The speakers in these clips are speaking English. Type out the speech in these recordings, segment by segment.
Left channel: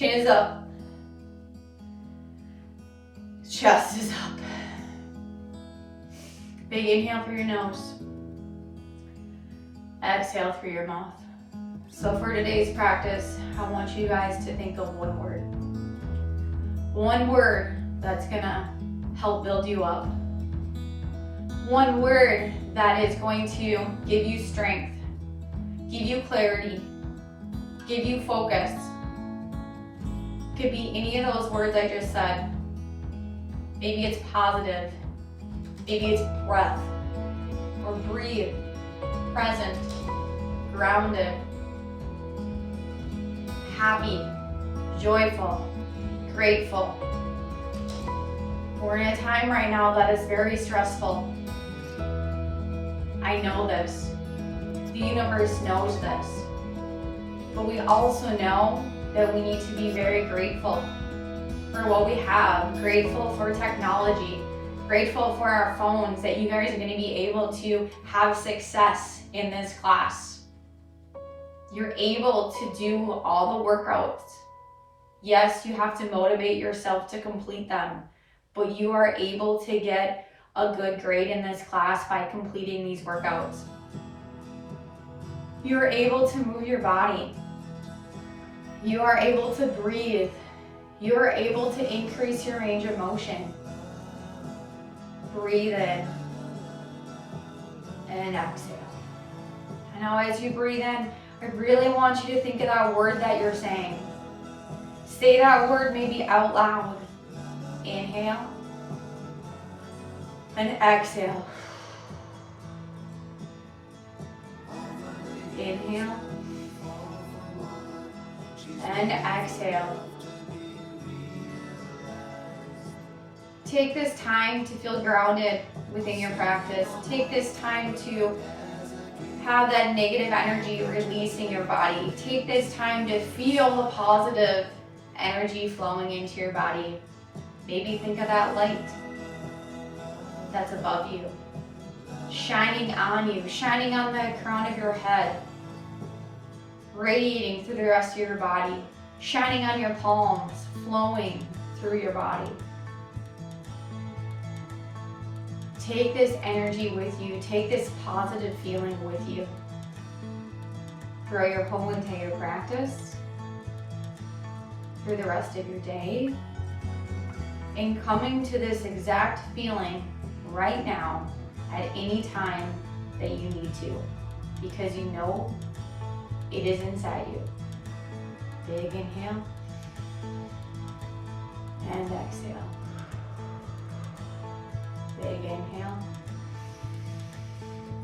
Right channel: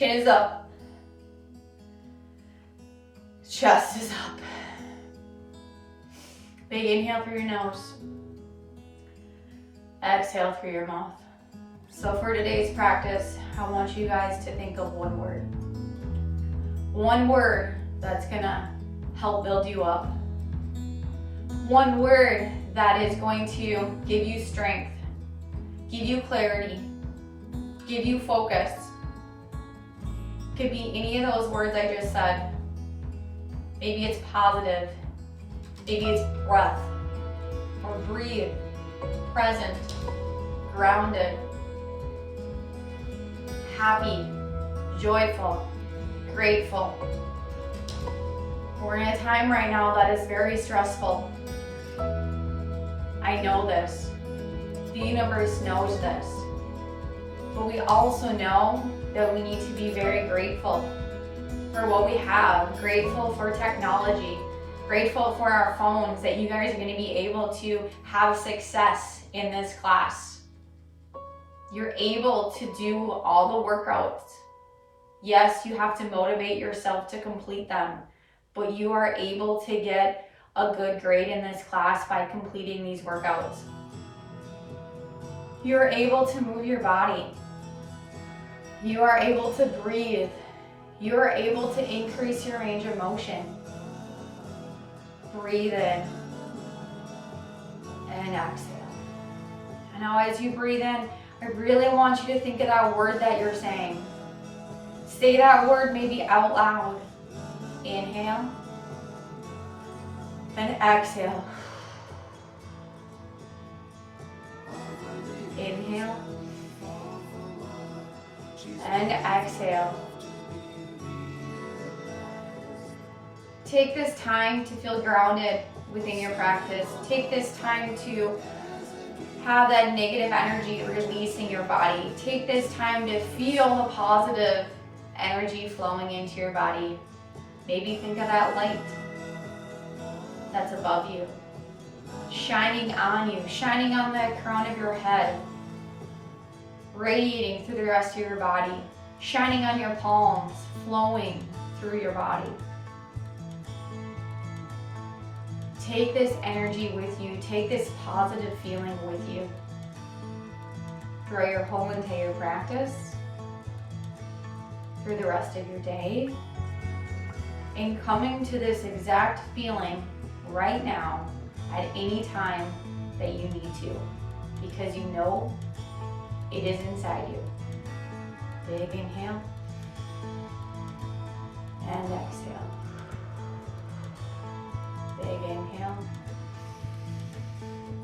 Chin is up. Chest is up. Big inhale through your nose. Exhale through your mouth. So for today's practice, I want you guys to think of one word. One word that's gonna help build you up. One word that is going to give you strength, give you clarity, give you focus. Could be any of those words I just said. Maybe it's positive, maybe it's breath, or breathe, present, grounded, happy, joyful, grateful. We're in a time right now that is very stressful. I know this. The universe knows this. But we also know that we need to be very grateful for what we have, grateful for technology, grateful for our phones, that you guys are going to be able to have success in this class. You're able to do all the workouts. Yes, you have to motivate yourself to complete them, but you are able to get a good grade in this class by completing these workouts. You're able to move your body. You are able to breathe. You are able to increase your range of motion. Breathe in and exhale. And now as you breathe in, I really want you to think of that word that you're saying. Say that word maybe out loud. Inhale and exhale. Inhale and exhale. Take this time to feel grounded within your practice. Take this time to have that negative energy releasing your body. Take this time to feel the positive energy flowing into your body. Maybe think of that light that's above you, shining on you, shining on the crown of your head, radiating through the rest of your body, shining on your palms, flowing through your body. Take this energy with you. Take this positive feeling with you throughout your whole entire practice, through the rest of your day, and coming to this exact feeling right now at any time that you need to, because you know it is inside you. Big inhale and exhale. Big inhale.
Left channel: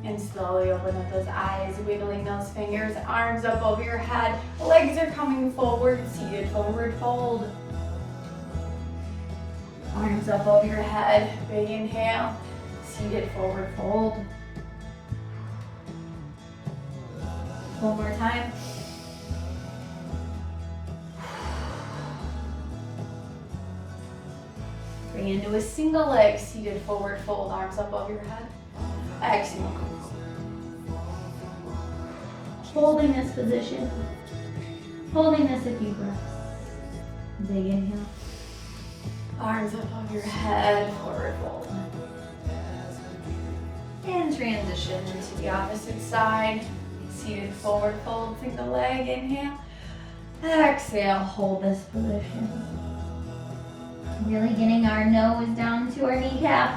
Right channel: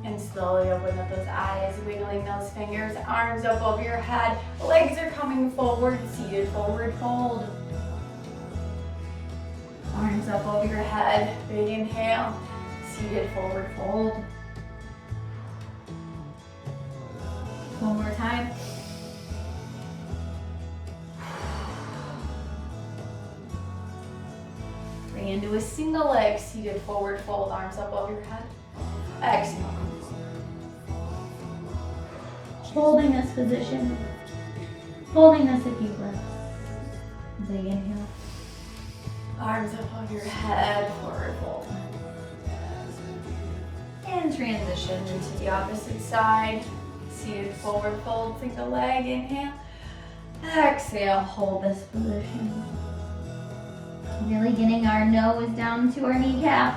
And slowly open up those eyes, wiggling those fingers, arms up over your head. Legs are coming forward, seated forward fold. Arms up over your head, big inhale, seated forward fold. One more time. Bring into a single leg, seated forward fold, arms up over your head. Exhale. Holding this position. Holding this a few breaths. Big inhale. Arms up over your head, forward fold. And transition into the opposite side. Seated forward fold, single leg, inhale. Exhale, hold this position. Really getting our nose down to our kneecap.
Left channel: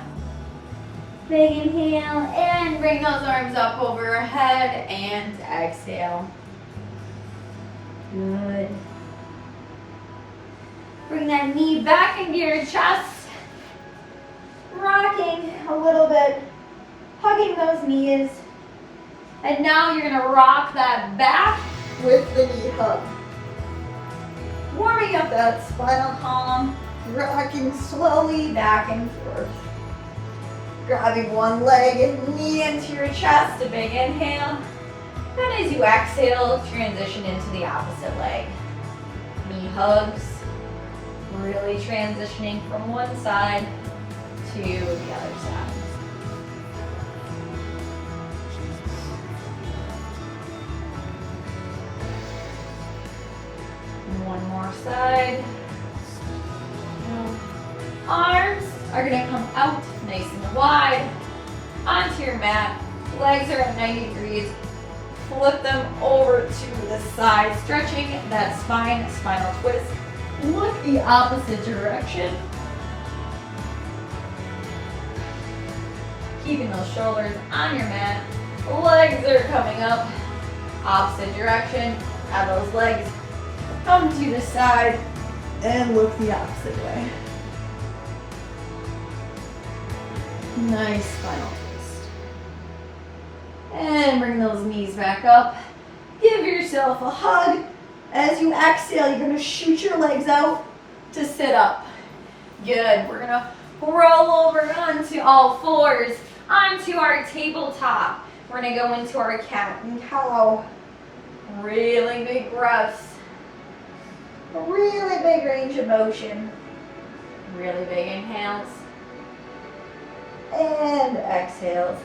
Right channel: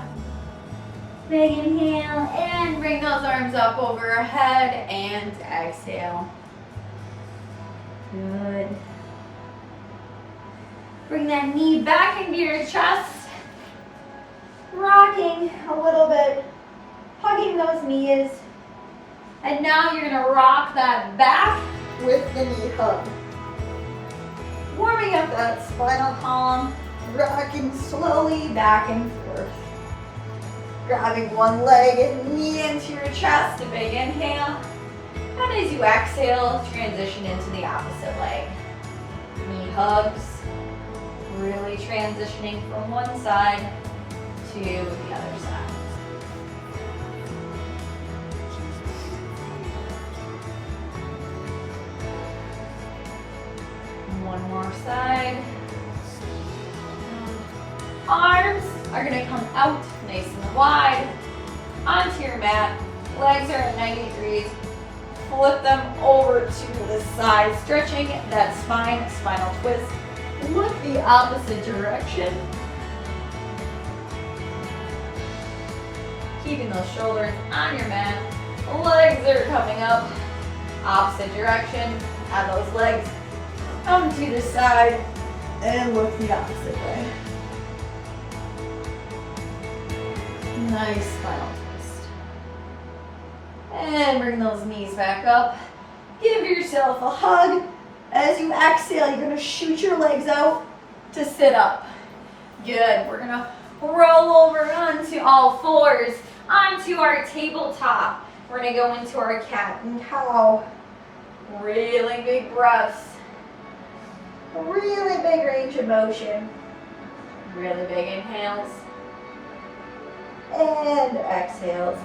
Big inhale, and bring those arms up over our head, and exhale. Good. Bring that knee back into your chest. Rocking a little bit, hugging those knees. And now you're gonna rock that back with the knee hug. Warming up that spinal column, rocking slowly back and forth. Grabbing one leg and knee into your chest, a big inhale. And as you exhale, transition into the opposite leg. Knee hugs, really transitioning from one side to the other side. One more side. Arms are gonna come out nice and wide onto your mat. Legs are at 90 degrees. Flip them over to the side, stretching that spine, spinal twist with the opposite direction. Keeping those shoulders on your mat. The legs are coming up, opposite direction. Have those legs come to the side and look the opposite way. Nice spinal twist. And bring those knees back up. Give yourself a hug. As you exhale, you're gonna shoot your legs out to sit up. Good, we're gonna roll over onto all fours, onto our tabletop. We're gonna go into our cat and cow. Really big breaths. Really big range of motion. Really big inhales. And exhales.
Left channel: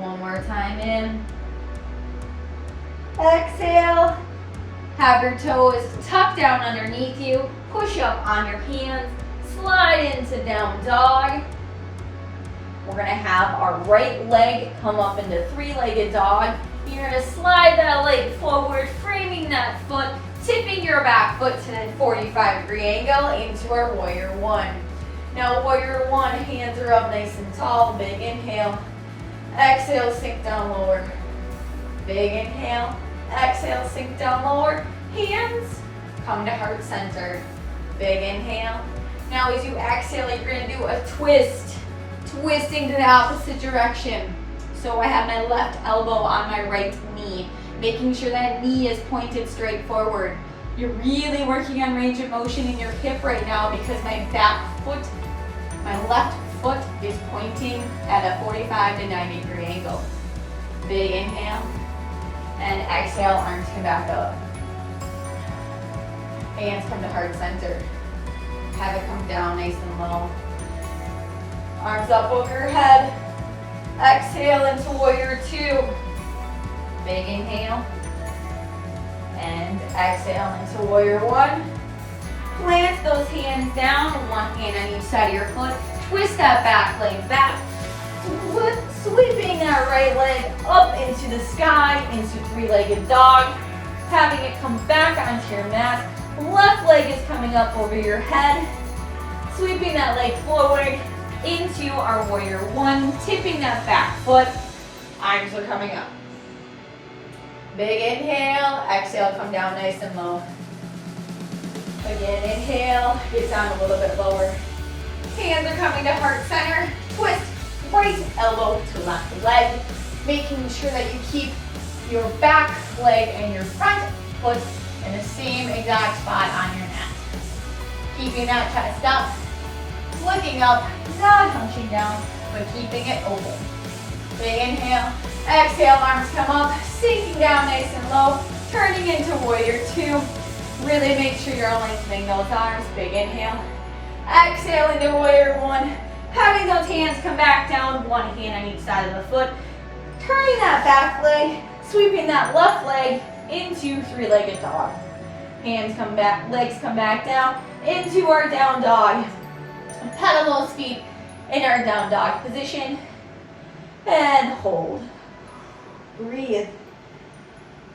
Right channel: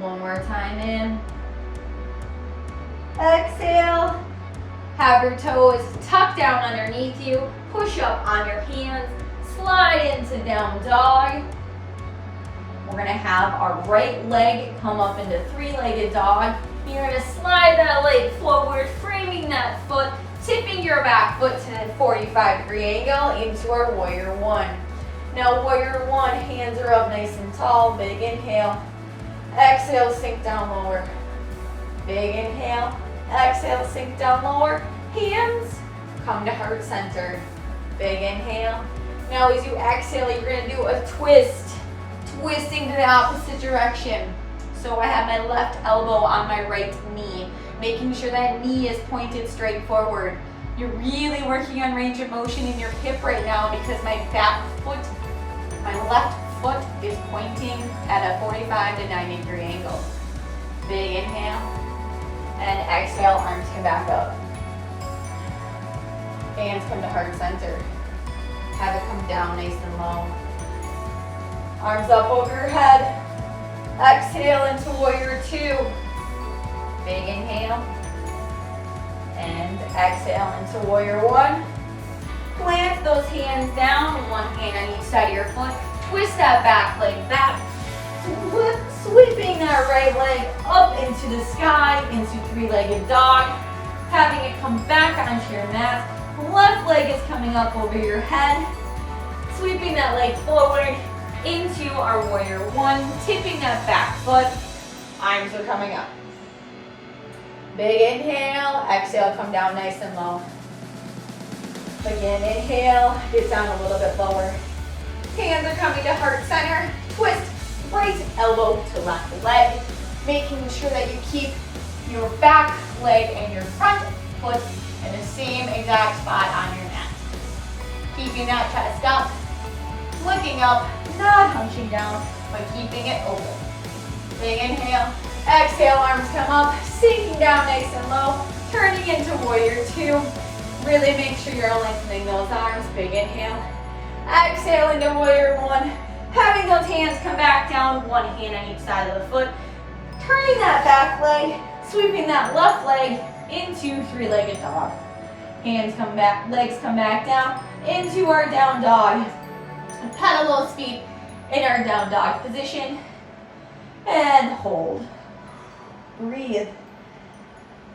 One more time in. Exhale. Have your toes tucked down underneath you. Push up on your hands. Slide into down dog. We're gonna have our right leg come up into three-legged dog. You're gonna slide that leg forward, framing that foot, tipping your back foot to that 45-degree angle into our warrior one. Now warrior one, hands are up nice and tall, big inhale. Exhale, sink down lower. Big inhale. Exhale, sink down lower. Hands come to heart center. Big inhale. Now as you exhale, you're gonna do a twist. Twisting to the opposite direction. So I have my left elbow on my right knee, making sure that knee is pointed straight forward. You're really working on range of motion in your hip right now because my back foot, my left foot is pointing at a 45 to 90 degree angle. Big inhale and exhale, arms come back up. Hands come to heart center. Have it come down nice and low. Arms up over your head. Exhale into warrior two. Big inhale. And exhale into warrior one. Plant those hands down, one hand on each side of your foot. Twist that back leg back. Sweeping that right leg up into the sky, into three-legged dog. Having it come back onto your mat. Left leg is coming up over your head. Sweeping that leg forward into our warrior one, tipping that back foot. Arms are coming up. Big inhale, exhale, come down nice and low. Again, inhale, get down a little bit lower. Hands are coming to heart center. Twist right elbow to left leg, making sure that you keep your back leg and your front foot in the same exact spot on your mat. Keeping that chest up. Looking up, not hunching down, but keeping it open. Big inhale, exhale, arms come up, sinking down nice and low, turning into warrior two. Really make sure you're lengthening those arms. Big inhale, exhale into warrior one. Having those hands come back down, one hand on each side of the foot. Turning that back leg, sweeping that left leg into three-legged dog. Hands come back, legs come back down into our down dog. Pedal those feet in our down dog position and hold. Breathe.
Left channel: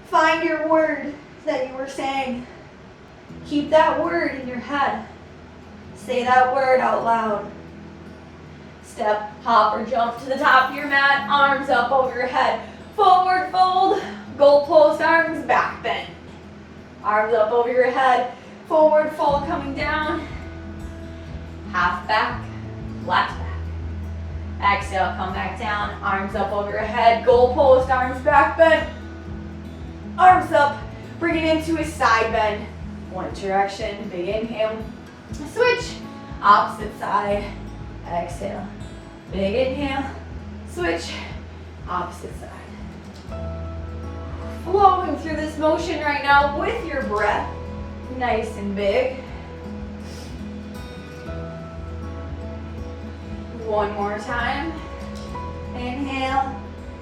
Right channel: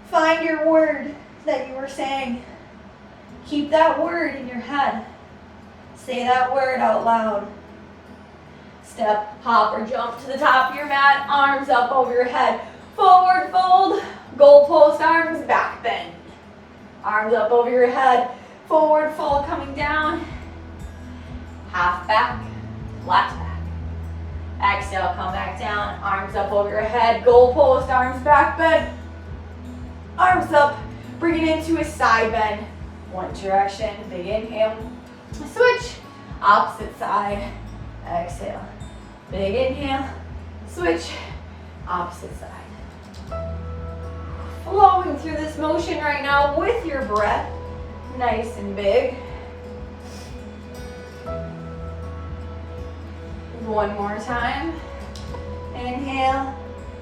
Find your word that you were saying. Keep that word in your head. Say that word out loud. Step, hop, or jump to the top of your mat, arms up over your head. Forward fold, goalpost arms, back bend. Arms up over your head, forward fold coming down. Half back, flat back. Exhale, come back down, arms up over your head, goalpost, arms back bend. Arms up, bring it into a side bend. One direction, big inhale. Switch, opposite side, exhale. Big inhale, switch, opposite side. Flowing through this motion right now with your breath, nice and big. One more time. Inhale,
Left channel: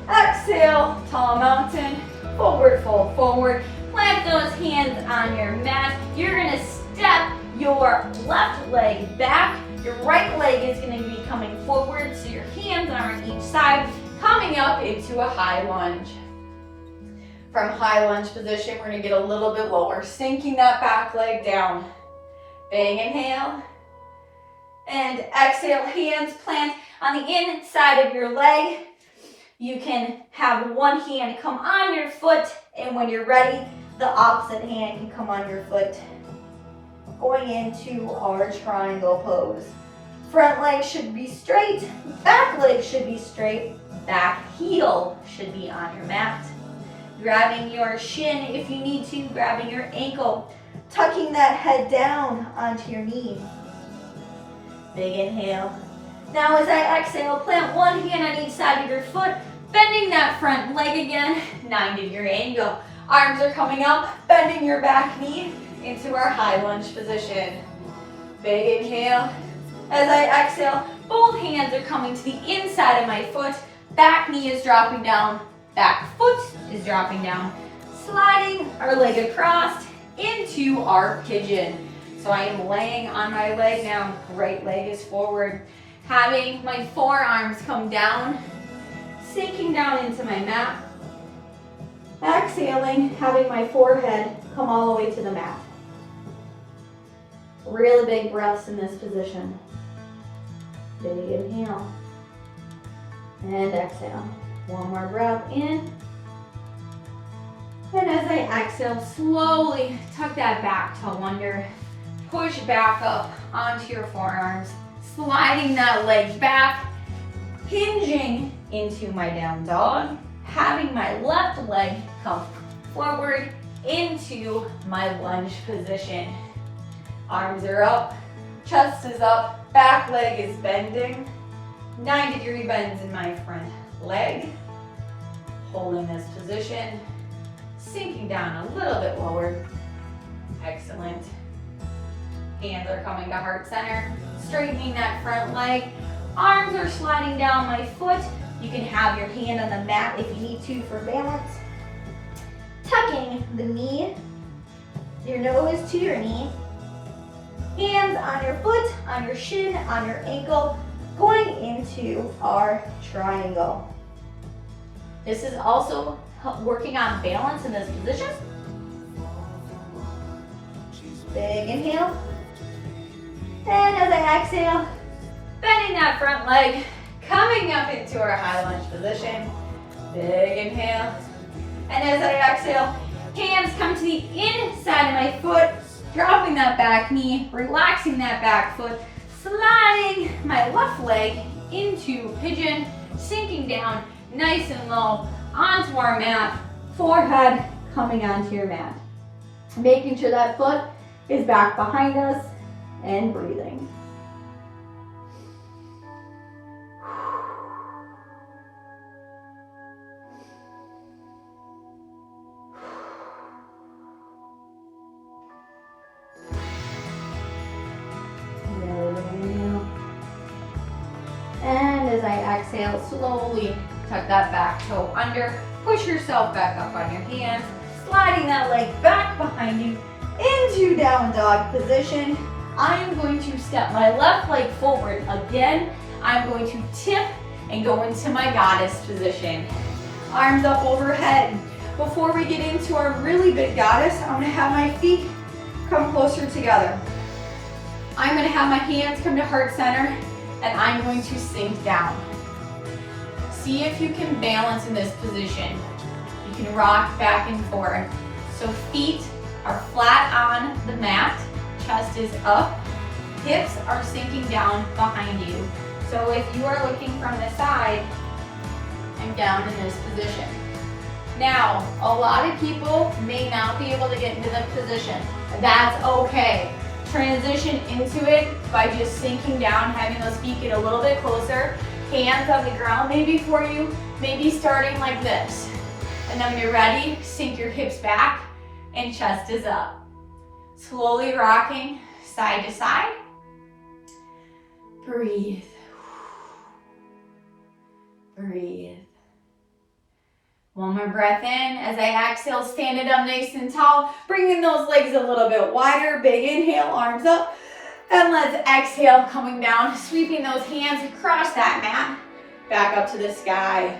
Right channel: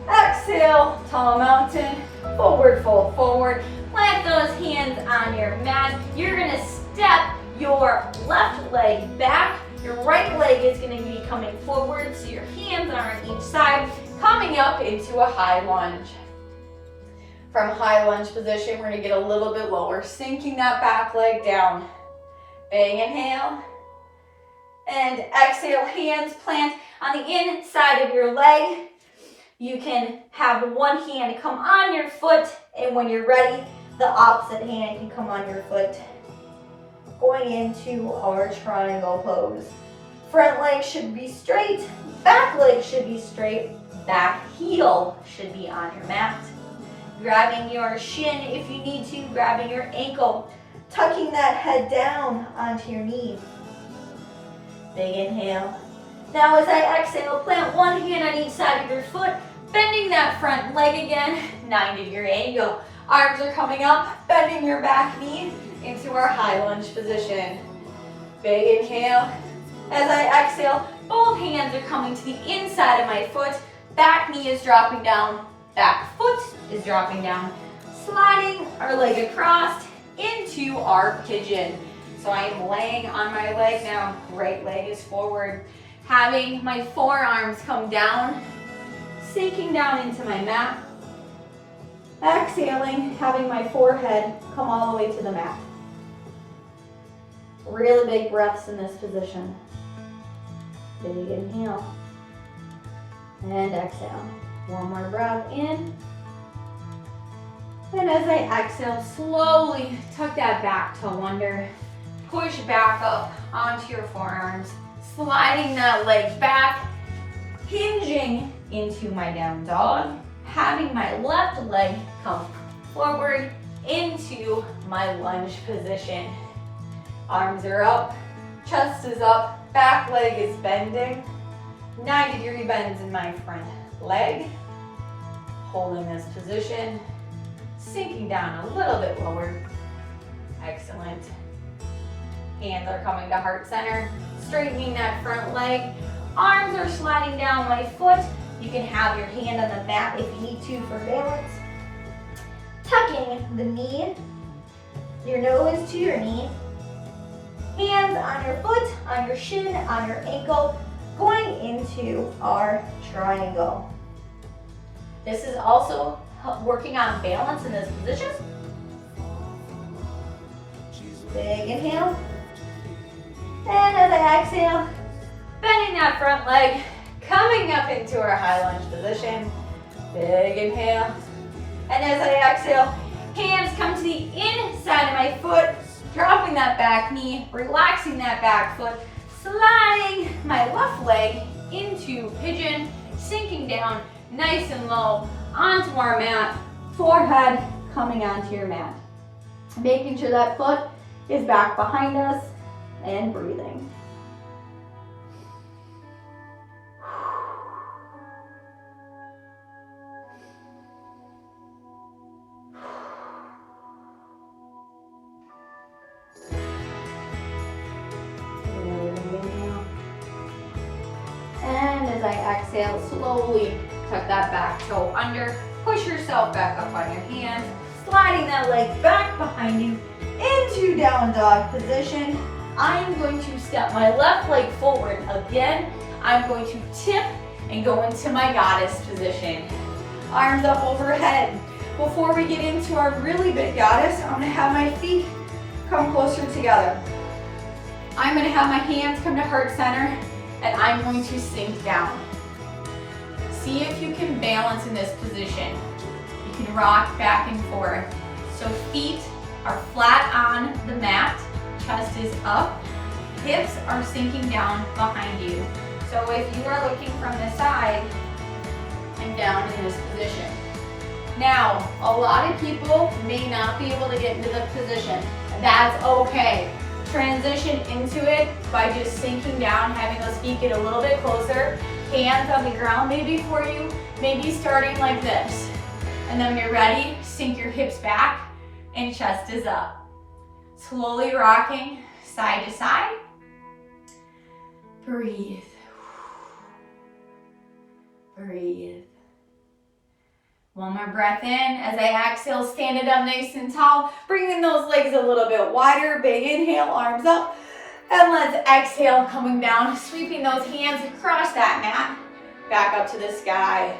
exhale, tall mountain, forward fold forward. Plant those hands on your mat. You're gonna step your left leg back. Your right leg is gonna be coming forward, so your hands are on each side, coming up into a high lunge. From high lunge position, we're gonna get a little bit lower, sinking that back leg down. Big inhale. And exhale, hands plant on the inside of your leg. You can have one hand come on your foot, and when you're ready, the opposite hand can come on your foot. Going into our triangle pose. Front leg should be straight, back leg should be straight, back heel should be on your mat. Grabbing your shin if you need to, grabbing your ankle, tucking that head down onto your knee. Big inhale. Now as I exhale, plant one hand on each side of your foot, bending that front leg again, 90-degree angle. Arms are coming up, bending your back knee into our high lunge position. Big inhale. As I exhale, both hands are coming to the inside of my foot. Back knee is dropping down, back foot is dropping down. Sliding our leg across into our pigeon. So I am laying on my leg now, right leg is forward. Having my forearms come down, sinking down into my mat. Exhaling, having my forehead come all the way to the mat. Really big breaths in this position. Big inhale. And exhale. One more breath in. And as I exhale, slowly tuck that back toe under. Push back up onto your forearms. Sliding that leg back. Hinging into my down dog. Having my left leg come forward into my lunge position. Arms are up, chest is up, back leg is bending. 90-degree bends in my front leg. Holding this position, sinking down a little bit lower. Excellent. Hands are coming to heart center, straightening that front leg. Arms are sliding down my foot. You can have your hand on the mat if you need to for balance. Tucking the knee, your nose to your knee. Hands on your foot, on your shin, on your ankle, going into our triangle. This is also working on balance in this position. Big inhale. And as I exhale, bending that front leg, coming up into our high lunge position. Big inhale. And as I exhale, hands come to the inside of my foot, dropping that back knee, relaxing that back foot, sliding my left leg into pigeon, sinking down nice and low onto our mat, forehead coming onto your mat. Making sure that foot is back behind us and breathing. And as I exhale, slowly tuck that back toe under, push yourself back up on your hands, sliding that leg back behind you into down dog position. I am going to step my left leg forward again. I'm going to tip and go into my goddess position. Arms up overhead. Before we get into our really big goddess, I'm gonna have my feet come closer together. I'm gonna have my hands come to heart center, and I'm going to sink down. See if you can balance in this position. You can rock back and forth. So feet are flat on the mat, chest is up, hips are sinking down behind you. So if you are looking from the side, I'm down in this position. Now, a lot of people may not be able to get into the position. That's okay. Transition into it by just sinking down, having those feet get a little bit closer, hands on the ground maybe for you, maybe starting like this. And then when you're ready, sink your hips back and chest is up. Slowly rocking side to side. Breathe. Breathe. One more breath in. As I exhale, stand it up nice and tall. Bringing those legs a little bit wider. Big inhale, arms up. And let's exhale, coming down, sweeping those hands across that mat. Back up to the sky.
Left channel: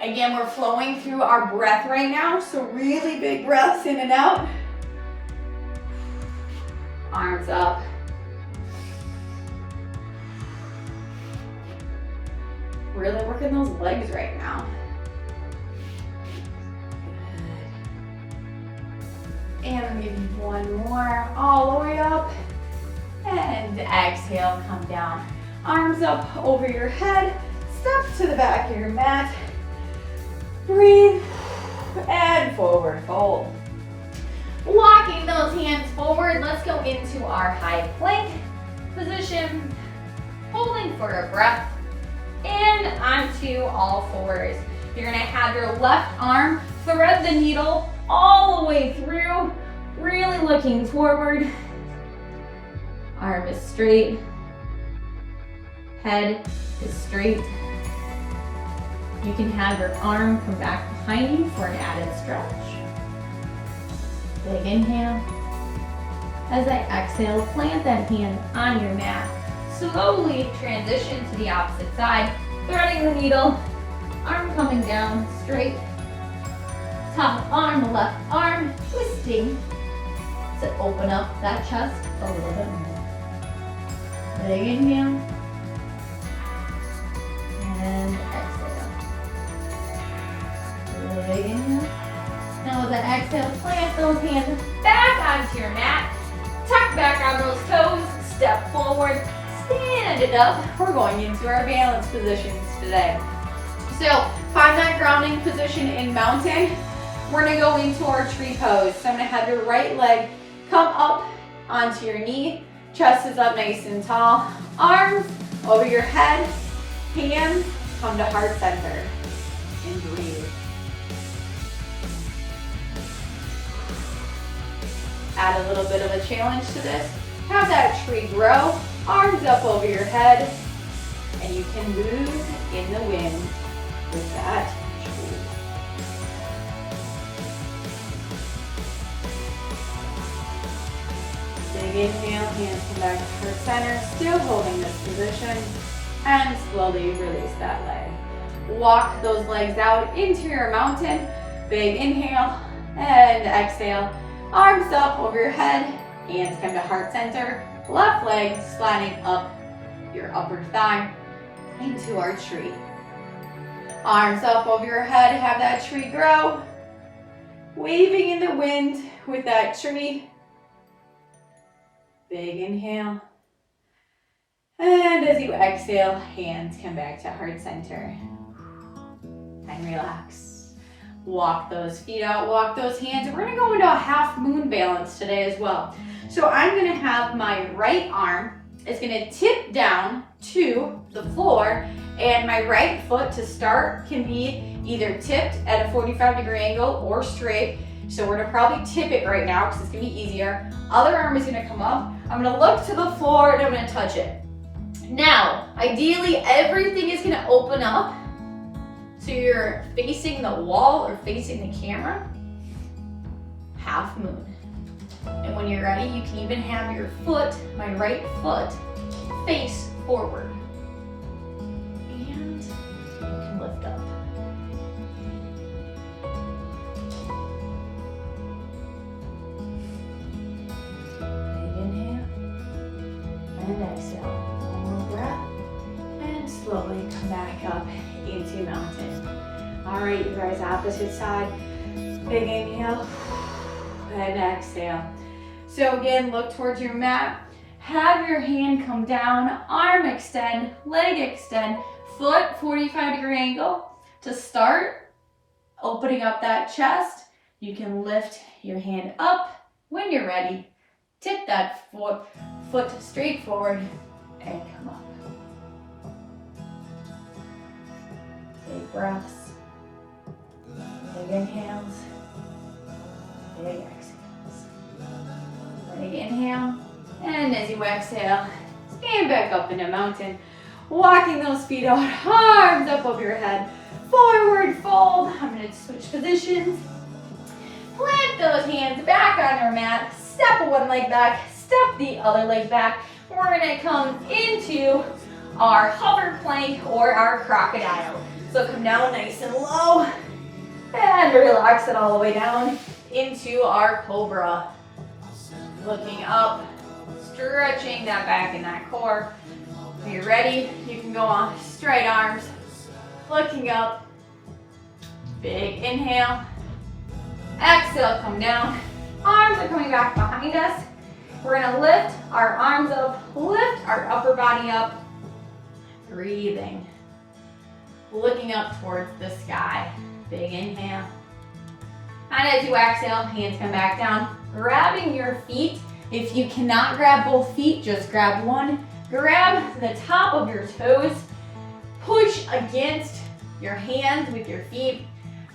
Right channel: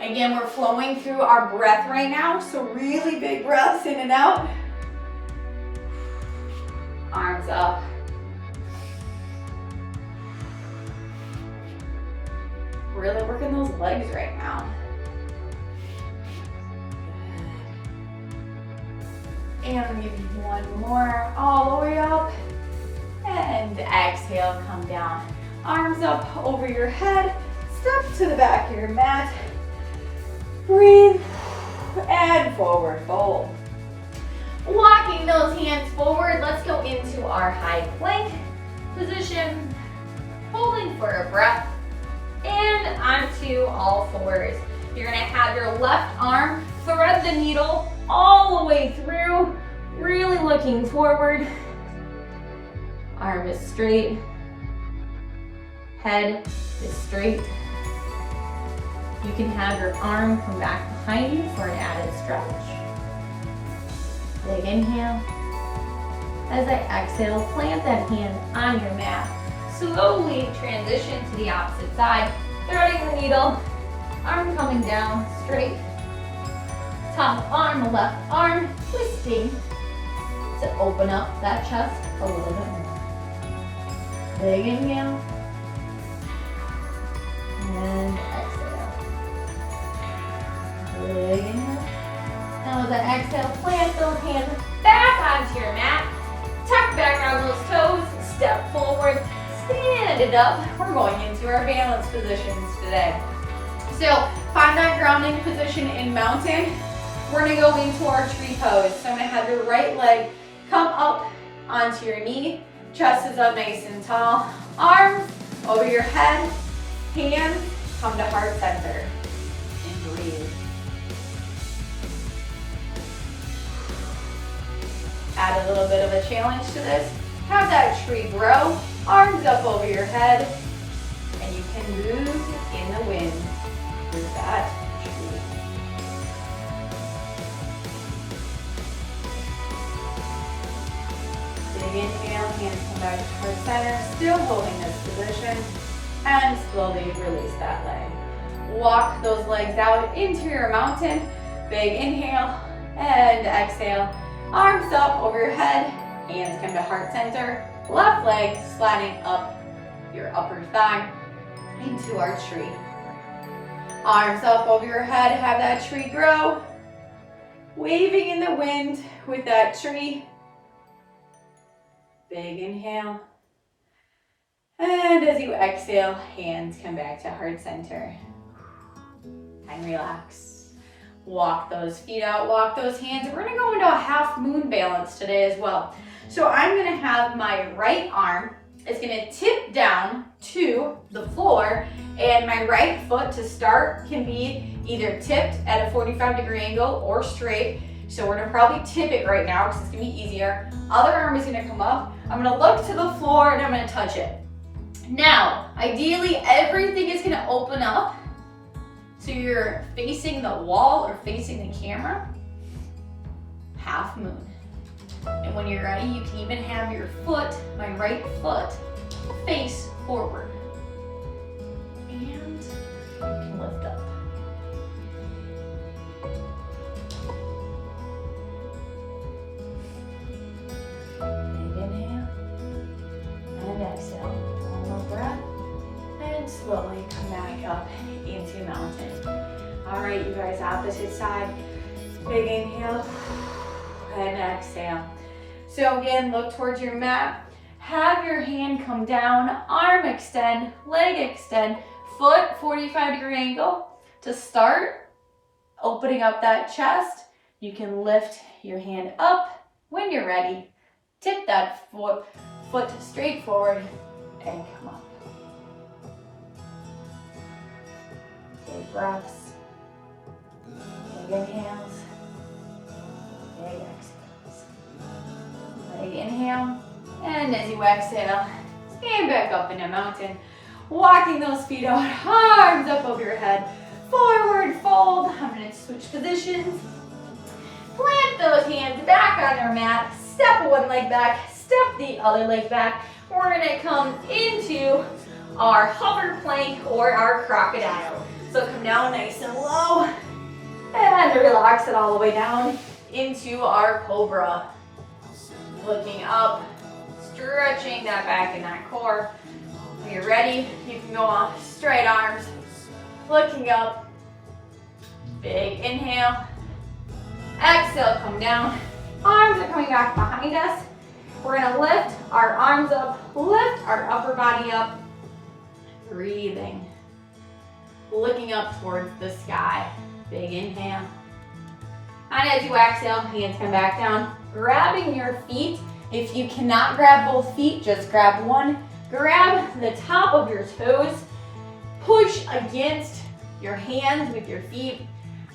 Again, we're flowing through our breath right now, so really big breaths in and out. Arms up. Really working those legs right now. Good. And maybe one more, all the way up. And exhale, come down. Arms up over your head. Step to the back of your mat. Breathe and forward fold. Walking those hands forward, let's go into our high plank position. Holding for a breath. And onto all fours. You're gonna have your left arm thread the needle all the way through, really looking forward. Arm is straight. Head is straight. You can have your arm come back behind you for an added stretch. Big inhale. As I exhale, plant that hand on your mat. Slowly transition to the opposite side, threading the needle, arm coming down straight. Top arm, left arm, twisting to open up that chest a little bit more. Big inhale. And exhale. Big inhale. Now as I exhale, plant those hands back onto your mat. Tuck back on those toes, step forward, stand it up. We're going into our balance positions today. So find that grounding position in mountain. We're gonna go into our tree pose. So I'm gonna have your right leg come up onto your knee. Chest is up nice and tall. Arms over your head. Hands come to heart center. And breathe. Add a little bit of a challenge to this. Have that tree grow. Arms up over your head. And you can move in the wind with that tree. Big inhale, hands come back to heart center, still holding this position, and slowly release that leg. Walk those legs out into your mountain. Big inhale and exhale. Arms up over your head, hands come to heart center, left leg sliding up your upper thigh into our tree. Arms up over your head, have that tree grow. Waving in the wind with that tree. Big inhale. And as you exhale, hands come back to heart center. And relax. Walk those feet out, walk those hands. We're gonna go into a half moon balance today as well. So I'm gonna have my right arm, it's gonna tip down to the floor, and my right foot to start can be either tipped at a 45-degree angle or straight. So we're gonna probably tip it right now because it's gonna be easier. Other arm is gonna come up. I'm gonna look to the floor and I'm gonna touch it. Now, ideally, everything is gonna open up. So you're facing the wall or facing the camera. Half moon. And when you're ready, you can even have your foot, my right foot, face forward. And you can lift up. Big inhale. And exhale. One more breath. And slowly come back up into mountain. All right, you guys, opposite side. Big inhale and exhale. So again, look towards your mat. Have your hand come down, arm extend, leg extend, foot 45-degree angle. To start, opening up that chest, you can lift your hand up. When you're ready, tip that foot straight forward and come up. Big breaths, big inhales, big exhales. Big inhale, and as you exhale, stand back up in a mountain, walking those feet out, arms up over your head, forward fold. I'm gonna switch positions. Plant those hands back on your mat. Step one leg back, step the other leg back. We're gonna come into our hover plank or our crocodile. So come down nice and low and relax it all the way down into our cobra. Looking up, stretching that back and that core. When you're ready, you can go on straight arms, looking up, big inhale, exhale, come down. Arms are coming back behind us. We're gonna lift our arms up, lift our upper body up, breathing, looking up towards the sky, big inhale. And as you exhale, hands come back down, grabbing your feet. If you cannot grab both feet, just grab one. Grab the top of your toes, push against your hands with your feet,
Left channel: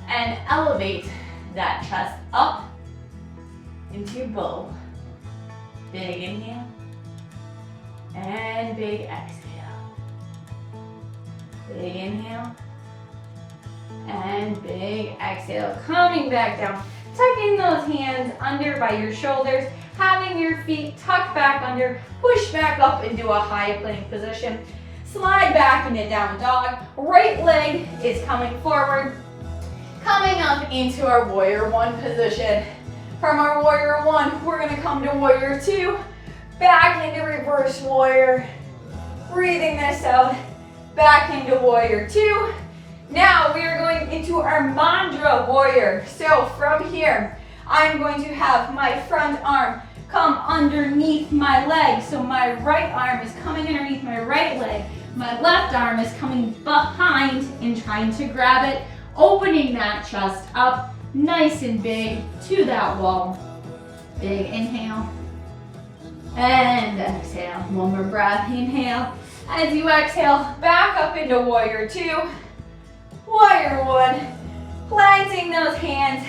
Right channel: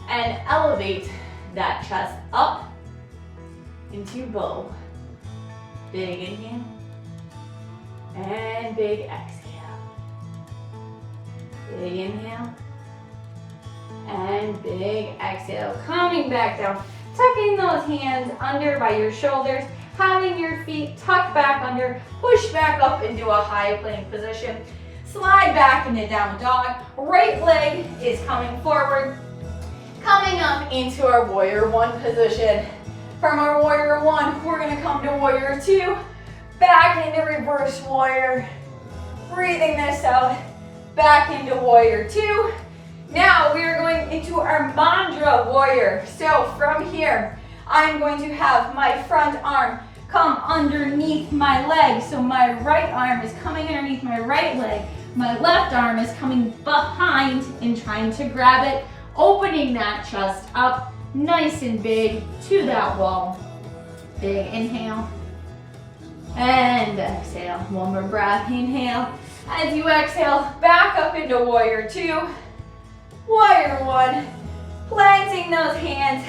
and elevate that chest up into bow. Big inhale, and big exhale. Big inhale, and big exhale. Coming back down, tucking those hands under by your shoulders, having your feet tucked back under, push back up into a high plank position. Slide back into down dog. Right leg is coming forward. Coming up into our warrior one position. From our warrior one, we're gonna come to warrior two. Back into reverse warrior. Breathing this out. Back into warrior two. Now we are going into our mantra warrior. So from here, I'm going to have my front arm come underneath my leg. So my right arm is coming underneath my right leg. My left arm is coming behind and trying to grab it, opening that chest up nice and big to that wall. Big inhale and exhale. One more breath, inhale. As you exhale, back up into warrior two, warrior one, planting those hands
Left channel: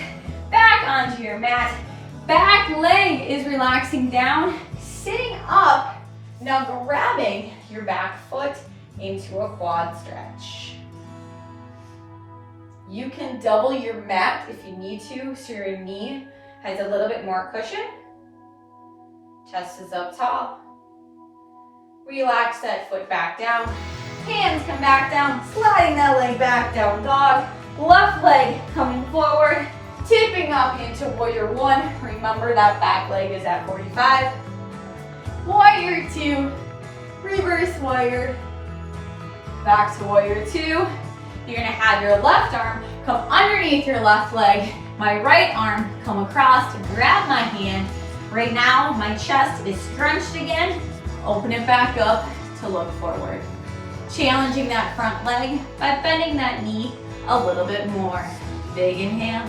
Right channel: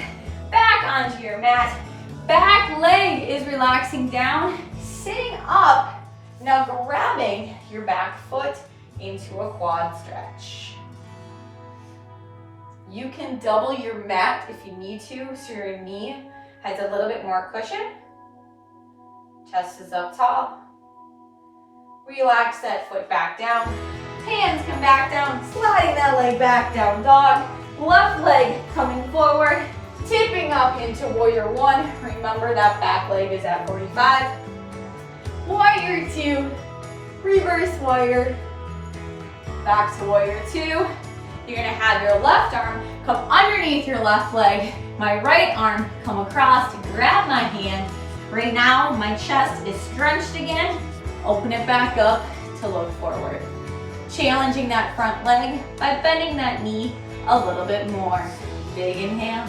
back onto your mat. Back leg is relaxing down, sitting up. Now grabbing your back foot into a quad stretch. You can double your mat if you need to, so your knee has a little bit more cushion. Chest is up tall. Relax that foot back down. Hands come back down, sliding that leg back, down dog. Left leg coming forward, tipping up into warrior one. Remember that back leg is at 45. Warrior two, reverse warrior. Back to warrior two. You're gonna have your left arm come underneath your left leg. My right arm come across to grab my hand. Right now, my chest is scrunched again. Open it back up to look forward. Challenging that front leg by bending that knee a little bit more. Big inhale.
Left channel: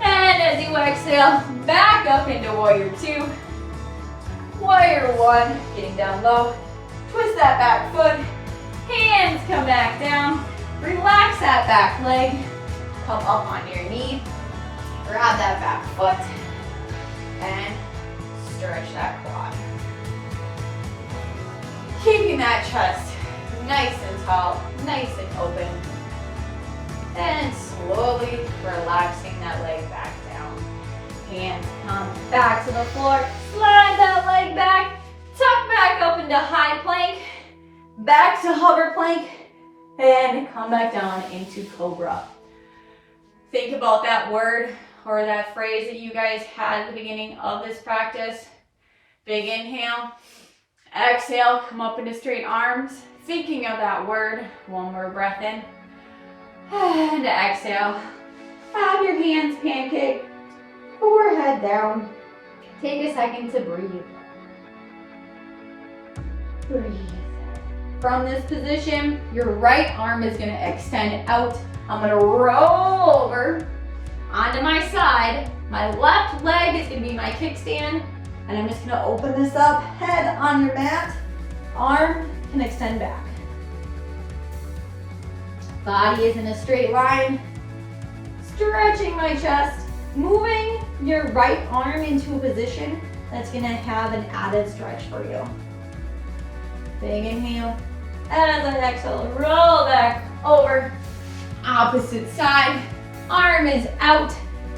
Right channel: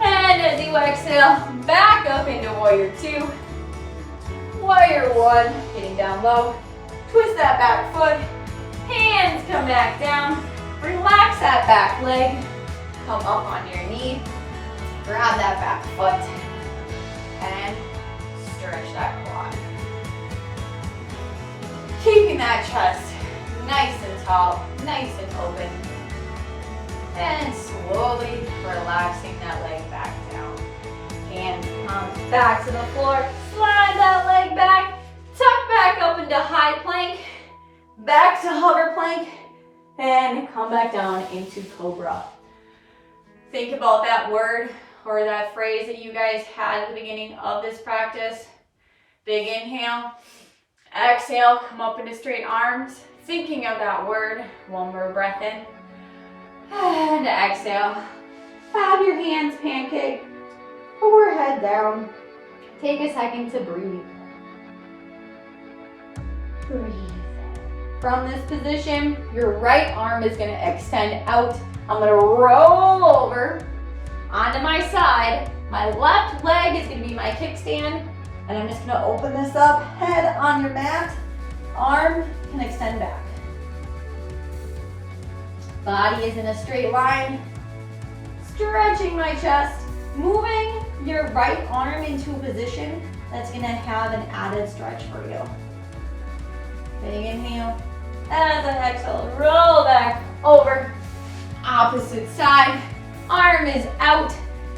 And as you exhale, back up into warrior two. Warrior one, getting down low. Twist that back foot. Hands come back down. Relax that back leg. Come up on your knee. Grab that back foot. And stretch that quad. Keeping that chest nice and tall, nice and open. And slowly relaxing that leg back down. Hands come back to the floor. Slide that leg back. Tuck back up into high plank. Back to hover plank. And come back down into cobra. Think about that word or that phrase that you guys had at the beginning of this practice. Big inhale. Exhale, come up into straight arms. Thinking of that word. One more breath in. And exhale. Have your hands pancake. Forehead down. Take a second to breathe. Breathe. From this position, your right arm is going to extend out. I'm going to roll over onto my side. My left leg is going to be my kickstand. And I'm just going to open this up. Head on your mat. Arm can extend back. Body is in a straight line. Stretching my chest. Moving your right arm into a position that's going to have an added stretch for you. Big inhale. As I exhale, roll back over. Opposite side. Arm is out,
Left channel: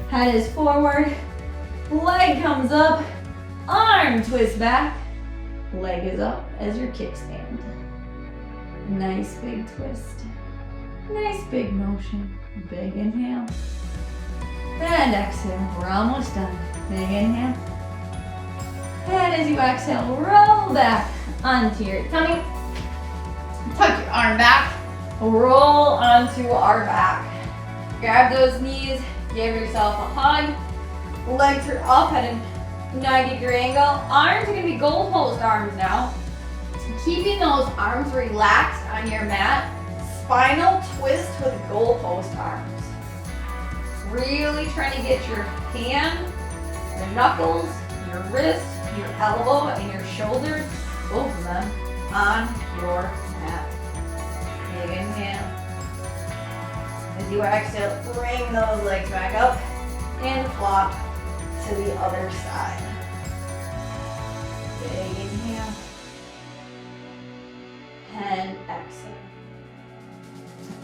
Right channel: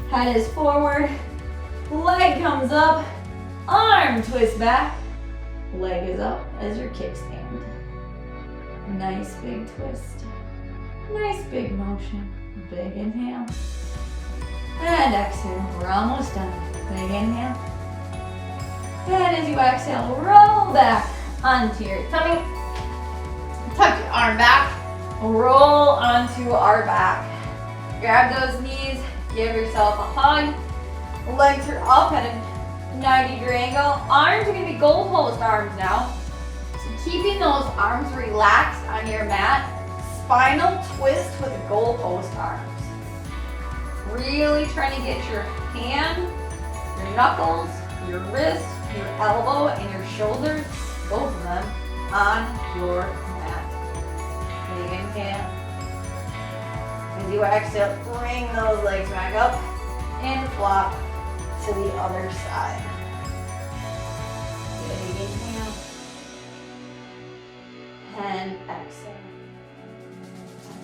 head is forward, leg comes up, arm twist back, leg is up as your kickstand. Nice big twist. Nice big motion. Big inhale. And exhale. We're almost done. Big inhale. And as you exhale, roll back onto your tummy. Tuck your arm back. Roll onto our back. Grab those knees. Give yourself a hug. Legs are up at a 90-degree angle. Arms are going to be goalpost arms now. Keeping those arms relaxed on your mat. Spinal twist with goalpost arms. Really trying to get your hand, your knuckles, your wrist, your elbow, and your shoulders, both of them, on your mat. Big inhale. As you exhale, bring those legs back up and flop to the other side. Big inhale. And exhale.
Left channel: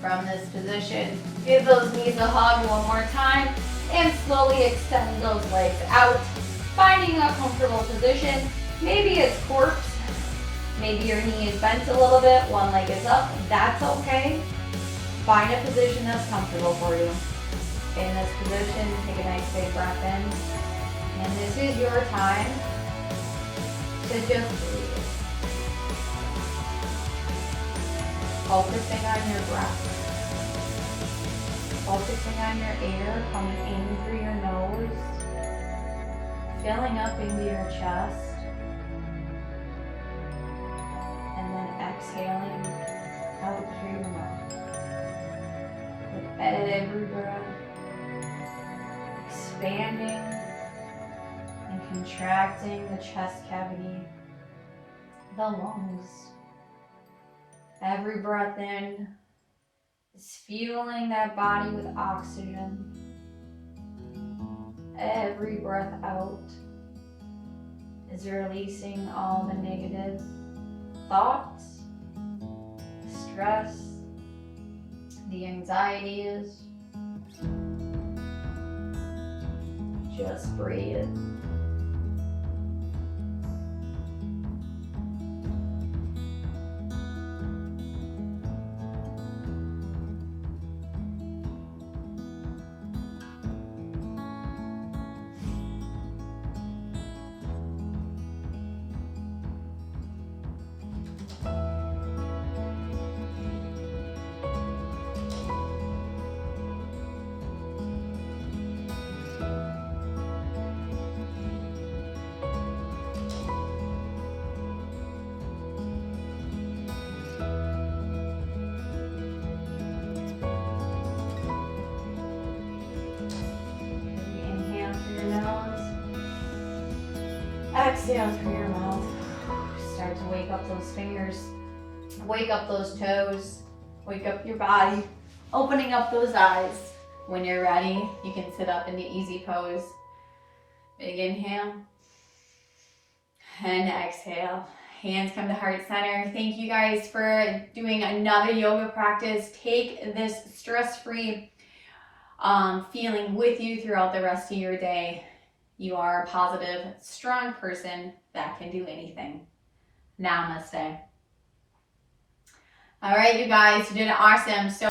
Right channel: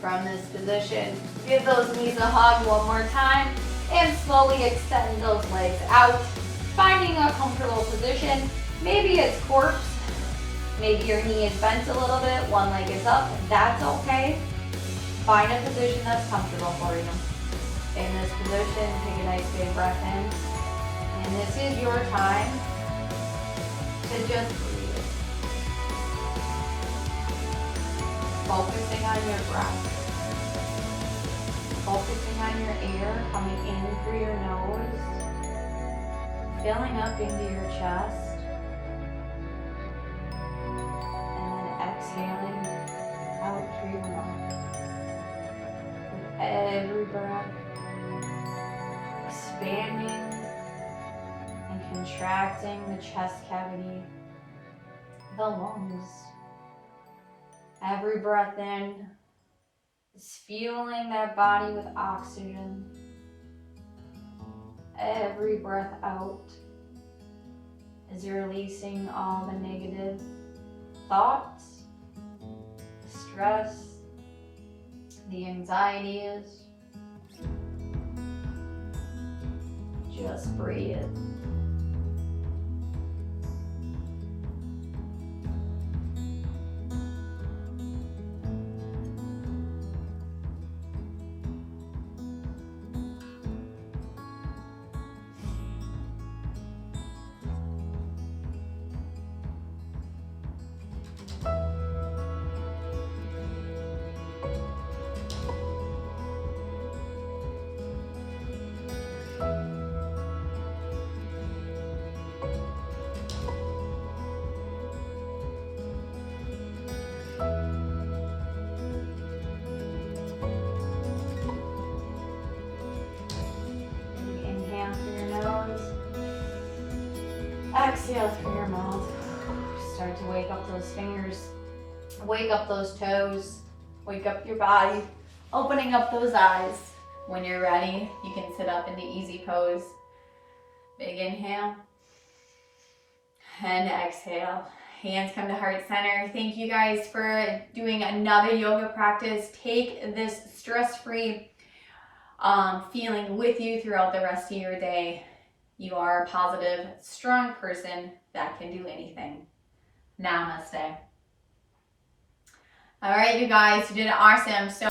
From this position, give those knees a hug one more time and slowly extend those legs out, finding a comfortable position. Maybe it's corpse, maybe your knee is bent a little bit, one leg is up, that's okay. Find a position that's comfortable for you. In this position, take a nice big breath in, and this is your time to just breathe. Focusing on your breath. Focusing on your air coming in through your nose, filling up into your chest, and then exhaling out through your mouth. With every breath, expanding and contracting the chest cavity, the lungs. Every breath in is fueling that body with oxygen. Every breath out is releasing all the negative thoughts, stress, the anxieties. Just breathe. Exhale through your mouth. Start to wake up those fingers, wake up those toes, wake up your body, opening up those eyes. When you're ready, you can sit up into easy pose. Big inhale and exhale. Hands come to heart center. Thank you guys for doing another yoga practice. Take this stress-free feeling with you throughout the rest of your day. You are a positive, strong person that can do anything. Namaste. All right, you guys, you did awesome. So